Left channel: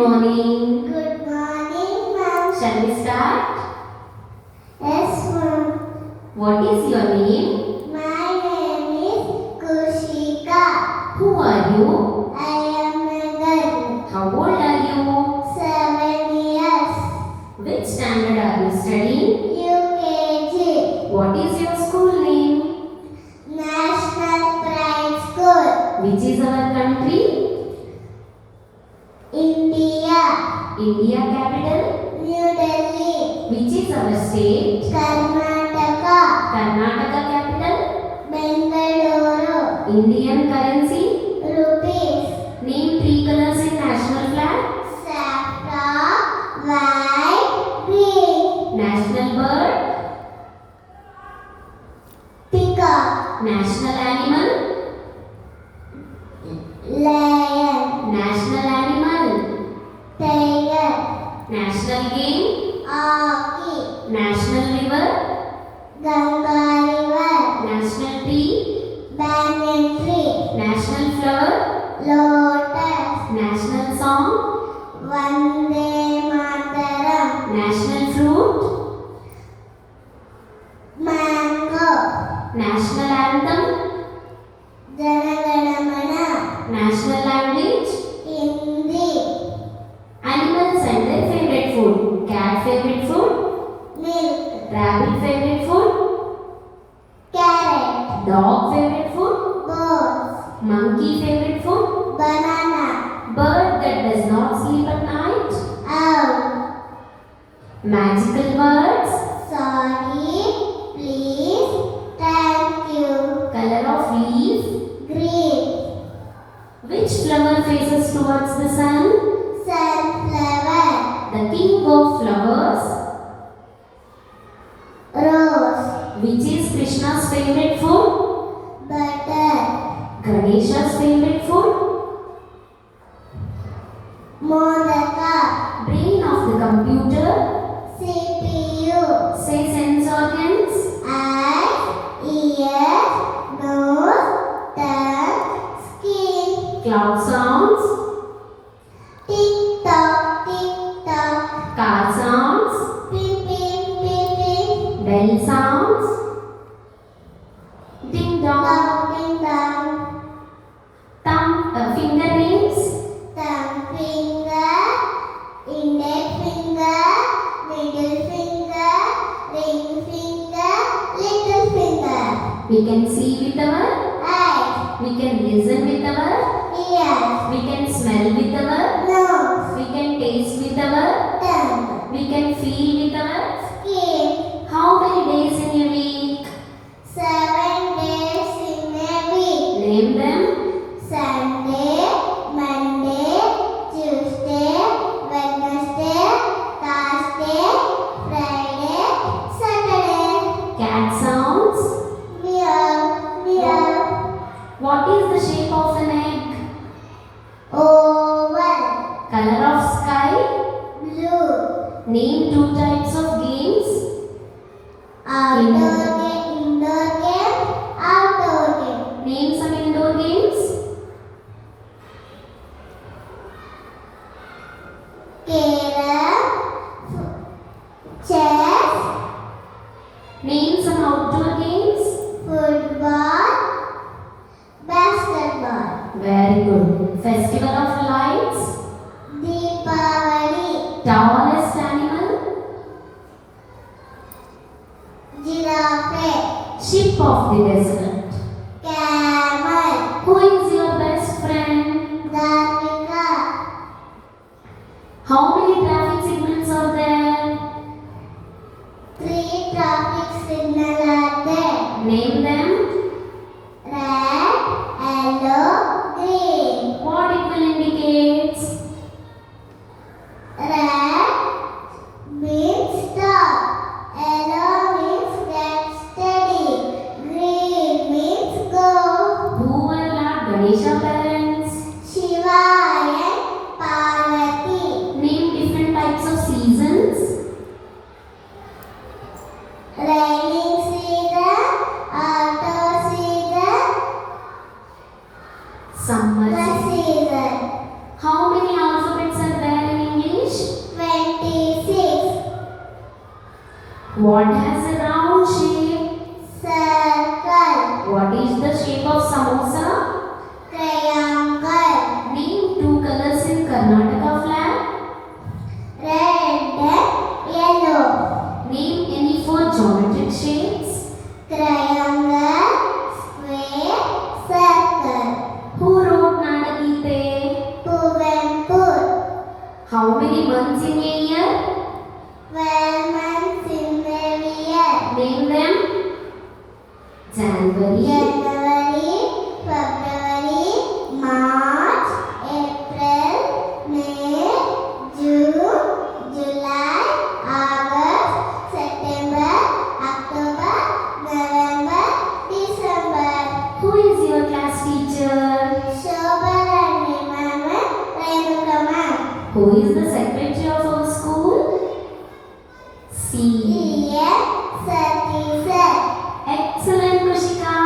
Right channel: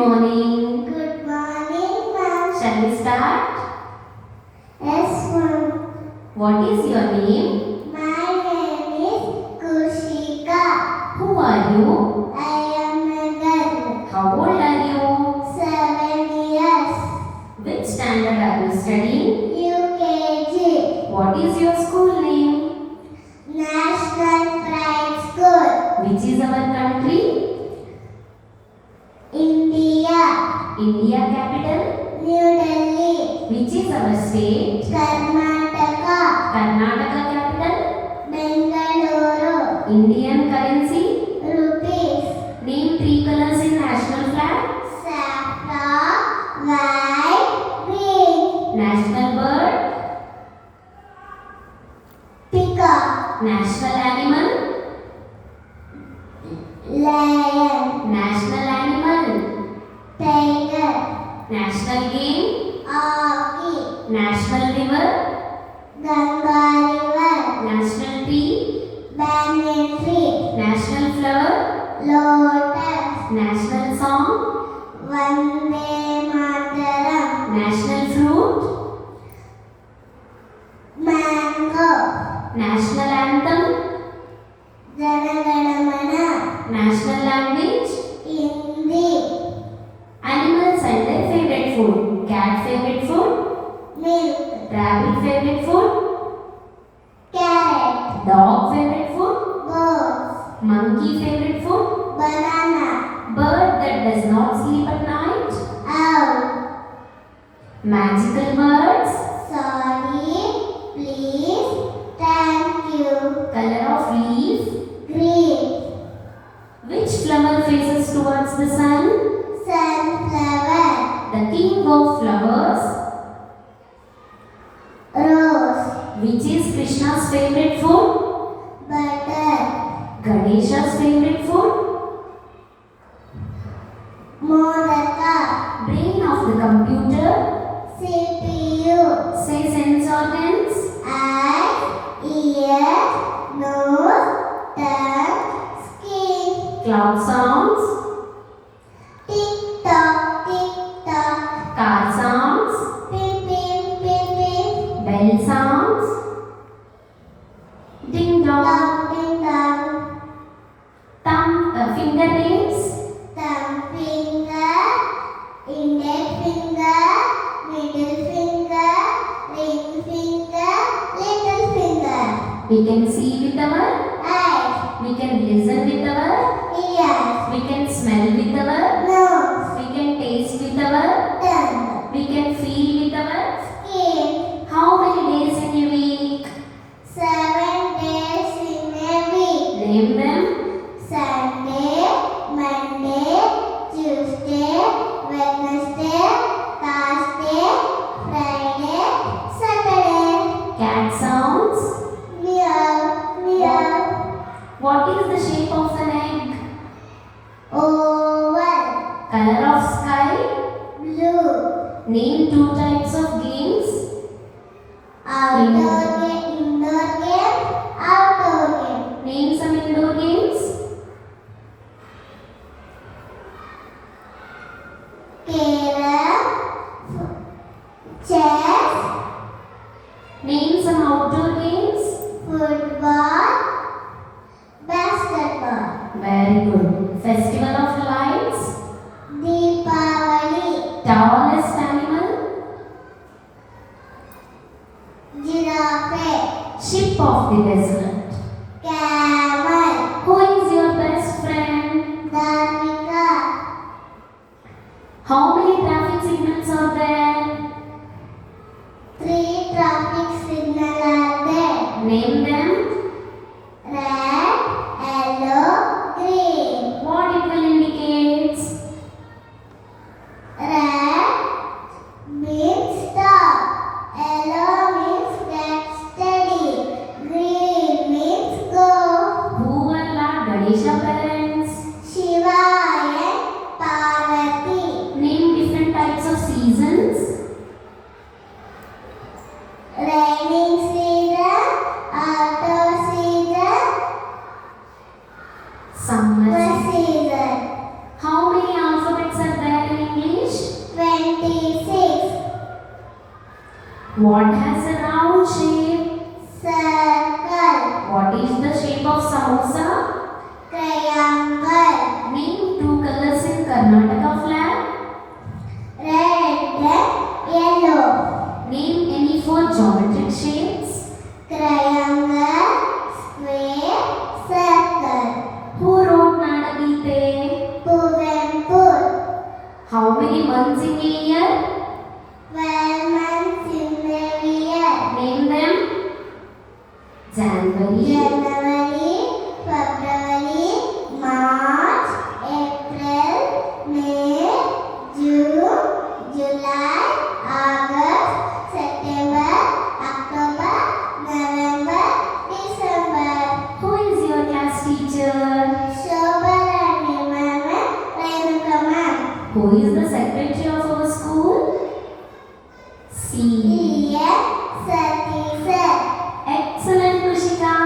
morning. Good morning, ma'am. Shall we start? Yes, ma'am. What is your name? My name is Kushika. Who are you? I am a girl. How old are you? 7 years. Which standard are you studying? UKG. What is your school name? National Pride School. Which is our country? India. India capital? New Delhi. Which is our state? Karnataka. Karnataka capital? Bengaluru. Indian currency? Rupees. Name 3 colors in national flag. Saffron, white, green. National bird? Peacock. National animal? Lion. National animal? Tiger. National game? Hockey. National river? Ganga River. National tree? Banyan tree. National flower? Lotus. National song? Vande Mataram. National fruit? Mango. National anthem? Jana Gana Mana. National language? Hindi. Animals and their favorite food. Cat favorite food? Milk. Rabbit favorite food? Carrot. Dog favorite food? Goat. Monkey favorite food? Banana. Bird that does not sleep at night? Owl. Magical words? Sorry. Please. Thank you. Color of leaf? Green. Which flower faces towards the sun? Sunflower. The king of flowers? Rose. Which is Krishna's favorite food? Butter. Ganesha's favorite food? Modaka. Brain of the computer? CPU. Say sense organs? Eyes. Ears. Nose. Tongue. Skin. Cloud songs? Tick tock. Tick tock. Car sounds? Pim pim pim pim. Bell sounds? Ding dong? Dong ding dong. Fingernails? Thumb finger. Index finger. Middle finger. Ring finger. Little finger. We can see with our? Eyes. We can listen with our? Ears. We can smell with our? Nose. We can taste with our? Tongue. We can feel with our? Skin. How many days in a week? 7 days in a week. Name them. Sunday, Monday, Tuesday, Wednesday, Thursday, Friday, Saturday. Cat sounds? Meow, meow. What is the shape of an egg? Oval. Color of sky? Blue. Name 2 types of games. Outdoor game, indoor game, outdoor game. Name some indoor games. Carrom, chess, Name some outdoor games. football, basketball. Very good. Festival of lights. Deepavali. Tallest animal. Giraffe. Ship of the desert. Camel. Who is your best friend? Dharmika. How many traffic signals are there? 3 traffic signals are there. Name them. Red, yellow, green. What it will indicate? What has a round shape? circle, What is the shape of samosa? triangle, Name two colors in Karnataka flag. red, yellow, Name any four geometric shapes. triangle, square, circle. Who wrote Nadagite? Kuvempu, How many months in a year? 12 months in a year. Name them. January, January, February, March, April, May, June, July, August, September, October, November, December. Who is your class teacher? Shobharani Ma'am, Renuka Ma'am. Who is the secretary of our school? C. Sati Sir. Excellent, Kushika.